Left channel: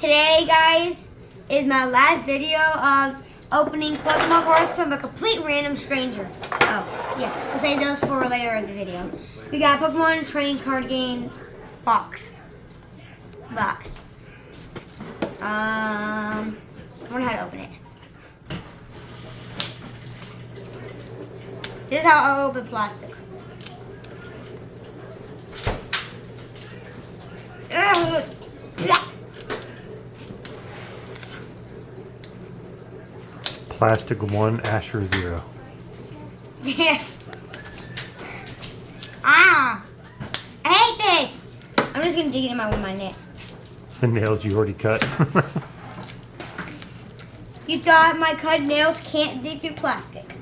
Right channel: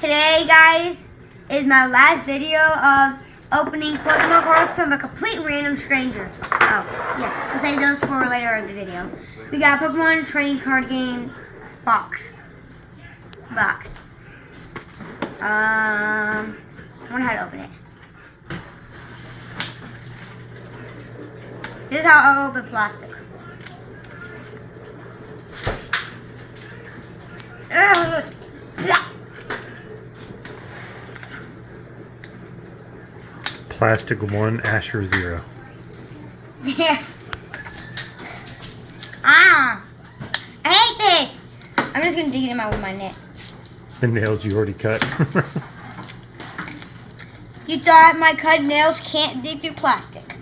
Today, guys, is my last video of opening Pokemon cards from a complete random stranger. Oh, yeah, we'll save those for later in the video. We got a Pokemon trading card game box. I wonder how to open it. This is how I open plastic. Ugh. Plastic 1, Asher 0. Yes. I hate this. I'm just gonna dig it in with my net. The nails you already cut. You thought my cut nails can't dig through plastic?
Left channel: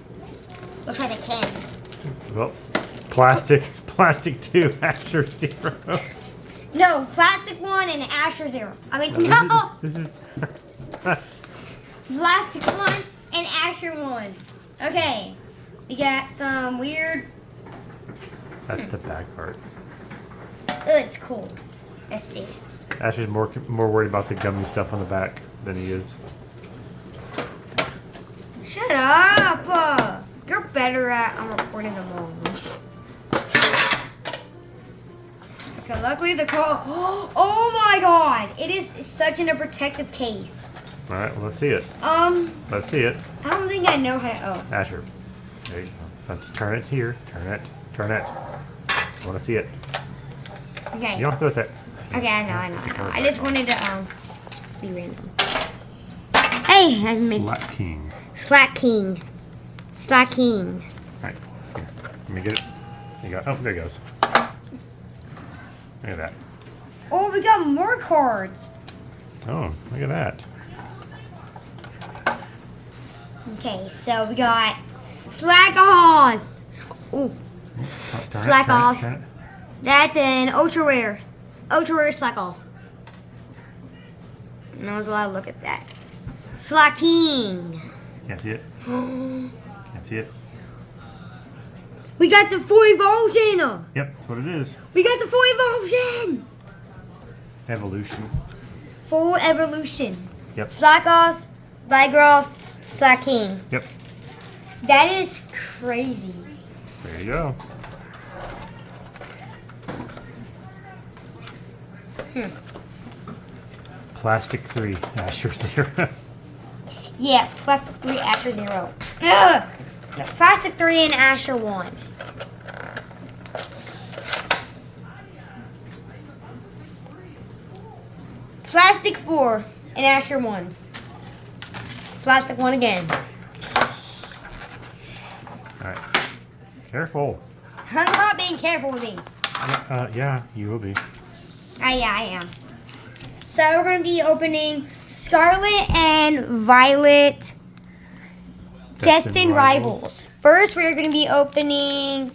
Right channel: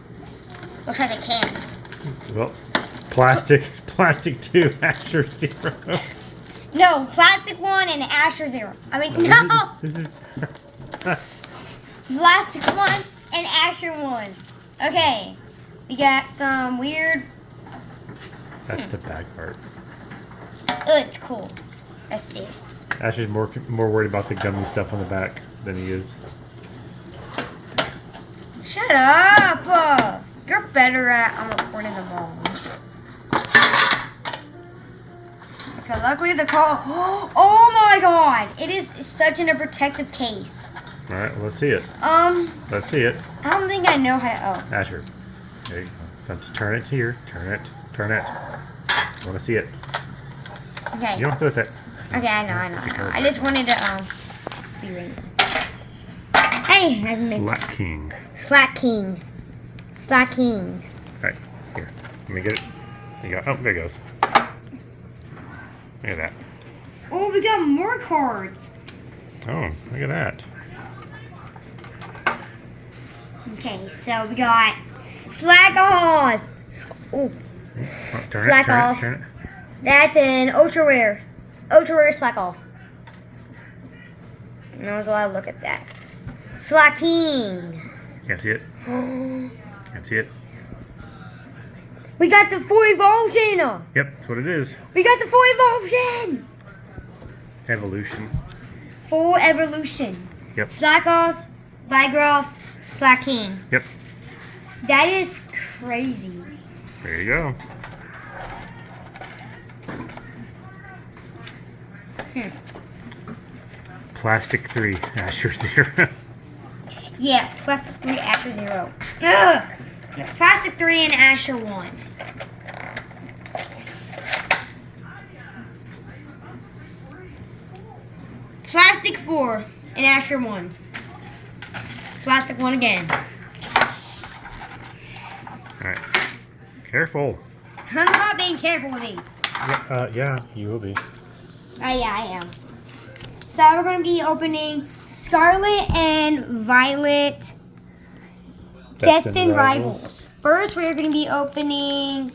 Looks like they can. Well, plastic 2, Asher 0. No, plastic 1 and Asher 0. I mean, no. This is Plastic 1 and Asher 1. Okay. We got some weird. That's the bad part. Oh, it's cool. Let's see. Asher's more worried about the gummy stuff on the back than he is. Shut up. You're better at recording them all. Okay, luckily the call. Oh my god! It is such in a protective case. All right, well, let's see it. Let's see it. I don't think I know how to. Oh. Asher, there you go. Let's turn it here. Turn it. I want to see it. Okay. You don't have to do it. Okay, I know. I just wanted to be random. Hey, I missed. Slack King. All right, here. Let me get it. There you go. Oh, there it goes. Look at that. Oh, we got more cards. Oh, look at that. Okay, so we got Slack Off. Ooh. Slack Off. Turn it. That's an ultra rare. Ultra rare Slack Off. No one's allowed to look at that. Slack King. Can't see it. Can't see it. We got the full evolution. Yep, that's what it is. We got the full evolution. Evolution. Full evolution. Yep. Slack Off, Vigroth, Slack King. Yep. That is crazy. There you go. Plastic 3, Asher 0. Yeah, Plastic 3, Asher 0. Ugh. Yeah, Plastic 3 and Asher 1. Plastic 4 and Asher 1. Plastic 1 again. Alright. Careful. I'm not being careful with these. Yeah, you will be. Yeah, I am. So we're going to be opening Scarlet and Violet Destined Rivals. First, we're going to be opening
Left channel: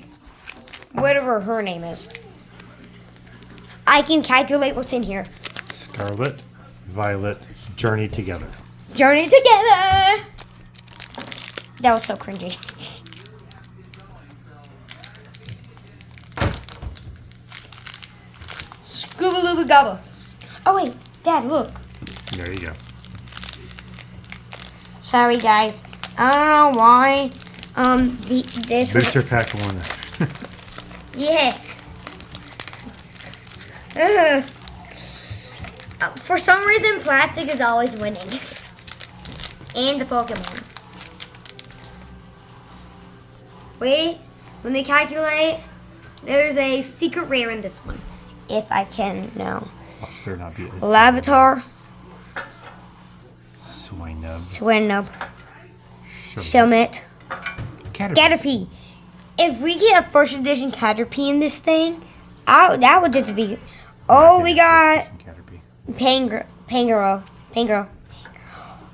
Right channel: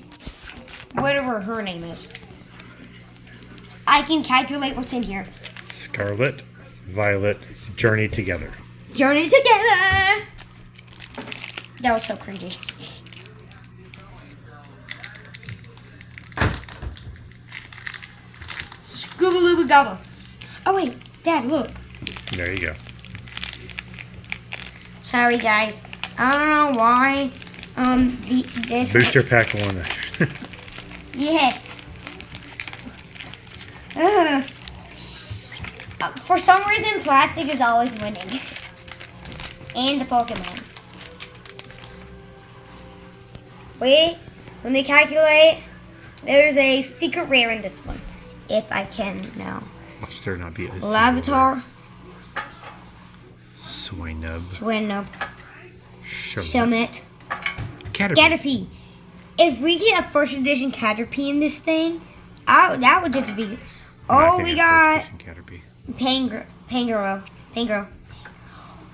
whatever her name is. I can calculate what's in here. Scarlet, Violet, Journey Together. Journey Together! That was so cringy. Scooba-looba gobba. Oh wait, Dad, look. There you go. Sorry guys. I don't know why this Booster Pack 1. Yes. For some reason plastic is always winning. And the Pokemon. Wait, when they calculate, there's a secret rare in this one. If I can know. Watch there not be a Lavatar. Swinub. Shelmet. Caterpie. If we get a first edition Caterpie in this thing, that would just be. Oh, we got Pangoro.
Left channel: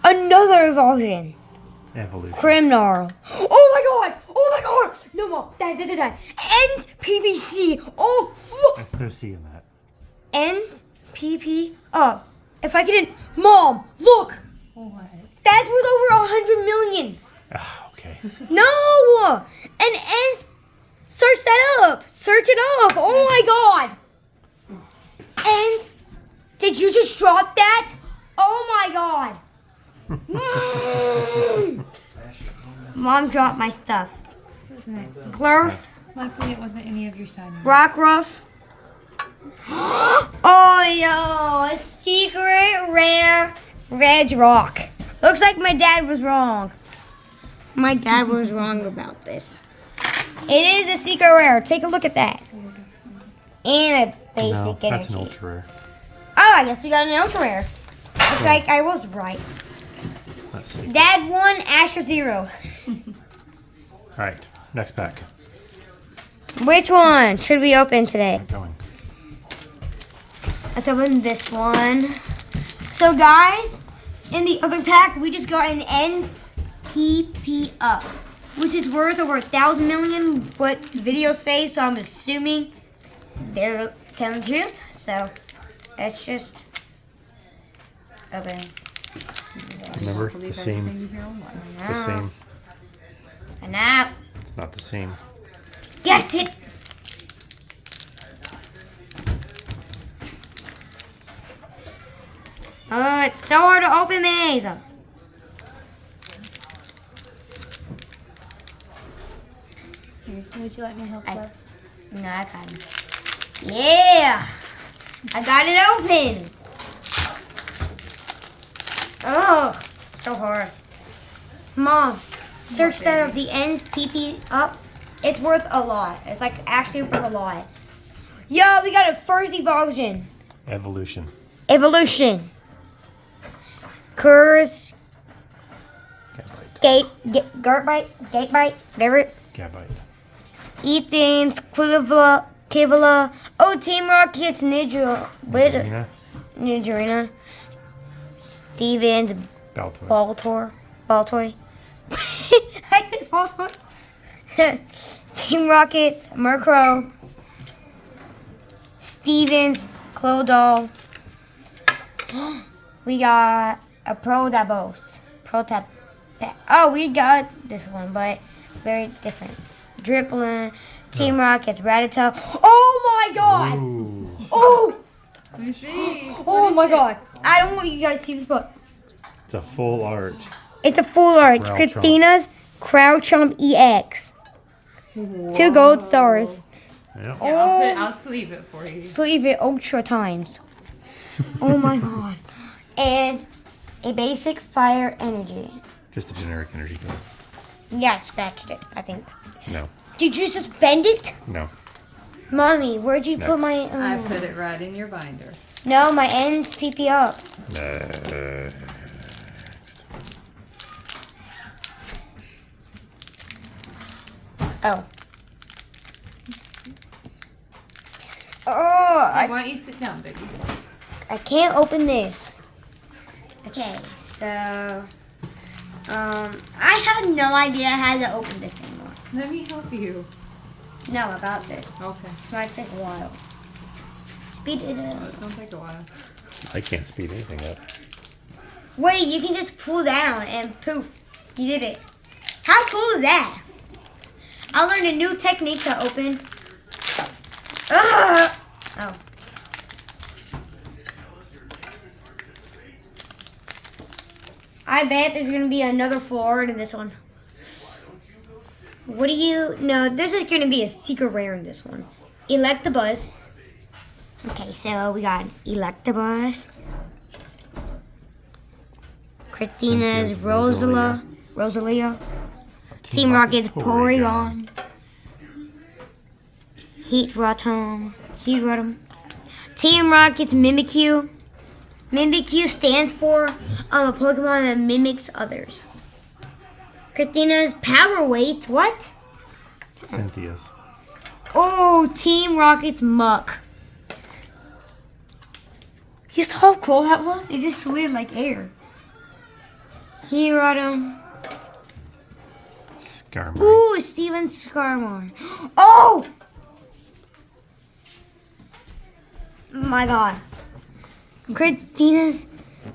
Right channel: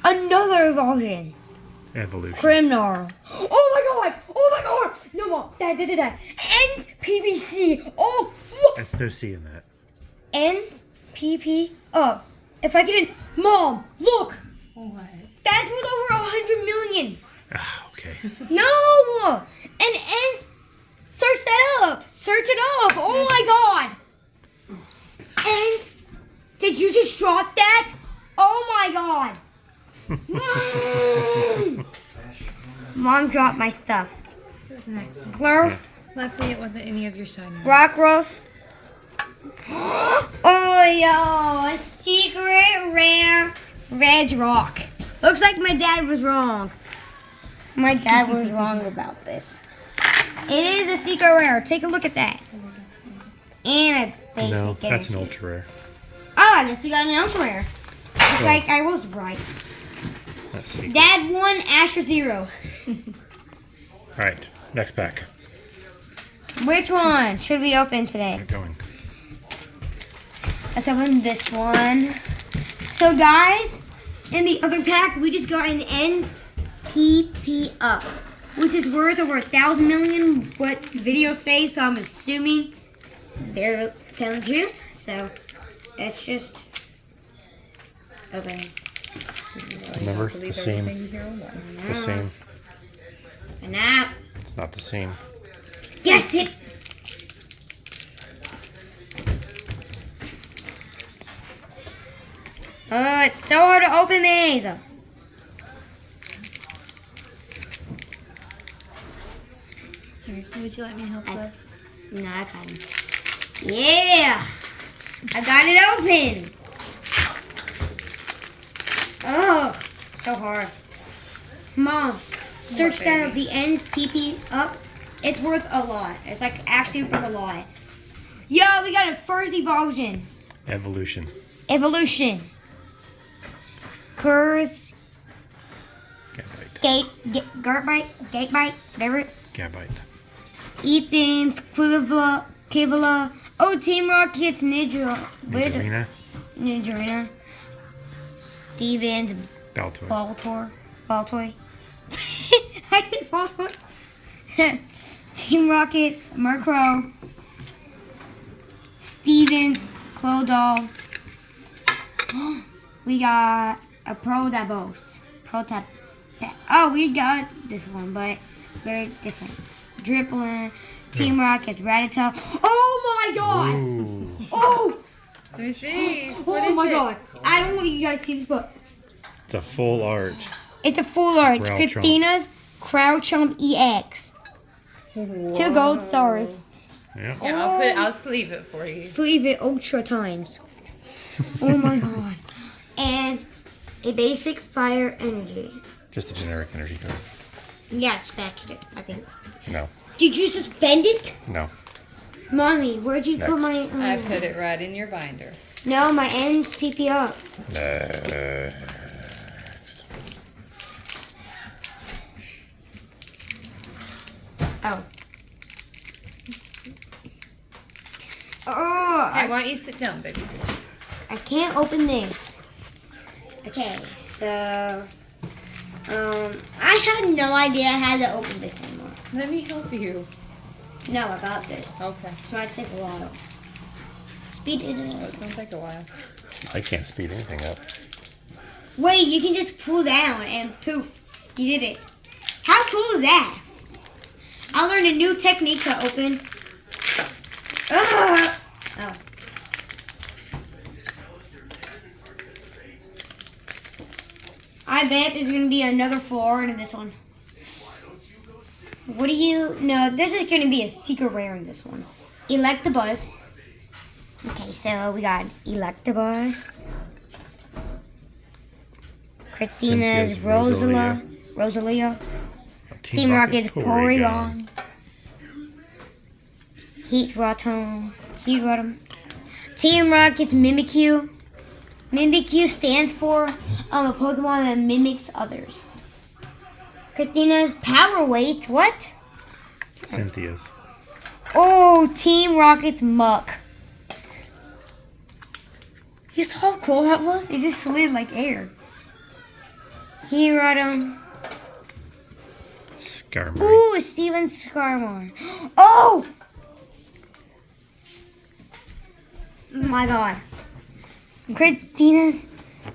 Another evolution. Evolution. Grimnar. Oh my god! No more. That. Ends PVC. Oh, look. There's no C in that. Ends PP. Oh, if I get it. Mom, look. What? That's worth over 100 million. Ah, okay. No! And ends. Search that up. Search it up. Oh my god. And did you just drop that? Oh my god! Mom dropped my stuff. It was an accident. Glurf, Luckily, it wasn't any of your shiny ones. Rockruff. Oh, yo, a secret rare red rock. Looks like my dad was wrong. My dad was wrong about this. It is a secret rare. Take a look at that. And a basic No, that's an energy. ultra rare. Oh, I guess we got an ultra rare. Looks like I was right. Let's see. Dad 1, Asher 0. All right, next pack. Which one should we open today? Get going. Let's open this one. So guys, in the other pack, we just got an ends PP up, which is worth over 1,000 million, what videos say, so I'm assuming they're telling the truth. So let's just open. Remember, the Believe same. everything you hear on one. The same. And that, It's not the same. yes it. Oh, it's so hard to open these. Here, would you like me to help? Love? No, I can't. Yeah, I got it open. Oh, so hard. Mom, search that up. The ends PP up. It's worth a lot. It's like actually worth a lot. Yo, we got a first evolution. Evolution. Evolution. Curse. Gabite. Gatebite. There. Gabite. Ethan's Kivala. Oh, Team Rocket's Nidorina. Nidorina. Stevens Baltoy. Baltoy. I said Baltoy. Team Rocket's Murkrow. Stevens Clodal. We got a Protapos. Oh, we got this one, but very different. Dripplin. Team Rocket's Rattata. Oh my god! Ooh. Oh! Let me see. Oh my god. I don't want you guys to see this book. It's a full art. It's a full art. Crowchomp. Christina's Crowchomp EX. 2 gold stars. Yeah. Yeah, I'll sleeve it for you. Sleeve it ultra times. Oh my god. And a basic fire energy. Just a generic energy card. Yeah, I scratched it, I think. No. Did you suspend it? No. Mommy, where'd you put Next. my... I put it right in your binder. No, my ends PP up. Oh. Oh, Hey, why don't you sit down, baby? I can't open this. Okay, so I have no idea how to open this anymore. Let me help you. No, about this. Okay. This might take a while. Speed it Oh, up. it's gonna take a while. I can't speed anything up. Wait, you can just pull down and poof, you did it. How cool is that? I learned a new technique to open. Ugh. Oh. I bet there's gonna be another floor in this one. What do you know? This is gonna be a secret rare in this one. Electabuzz. Okay, so we got Electabuzz. Christina's Cynthia's Rosalia. Team Rocket's Porygon. Heat Rotom. Team Rocket's Mimikyu. Mimikyu stands for a Pokemon that mimics others. Christina's Power Weight. What? Cynthia's. Oh, Team Rocket's Muck. You saw how cool that was? It just slid like air. Hearodon. Skarmory. Ooh, Steven Skarmory. Oh! My god. Christina's.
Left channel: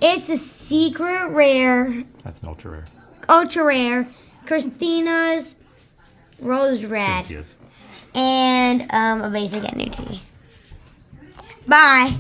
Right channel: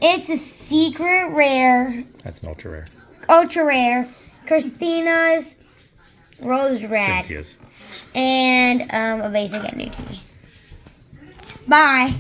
It's a secret rare. That's an ultra rare. Ultra rare. Christina's Rose Rad. Cynthia's. And a basic energy. Bye.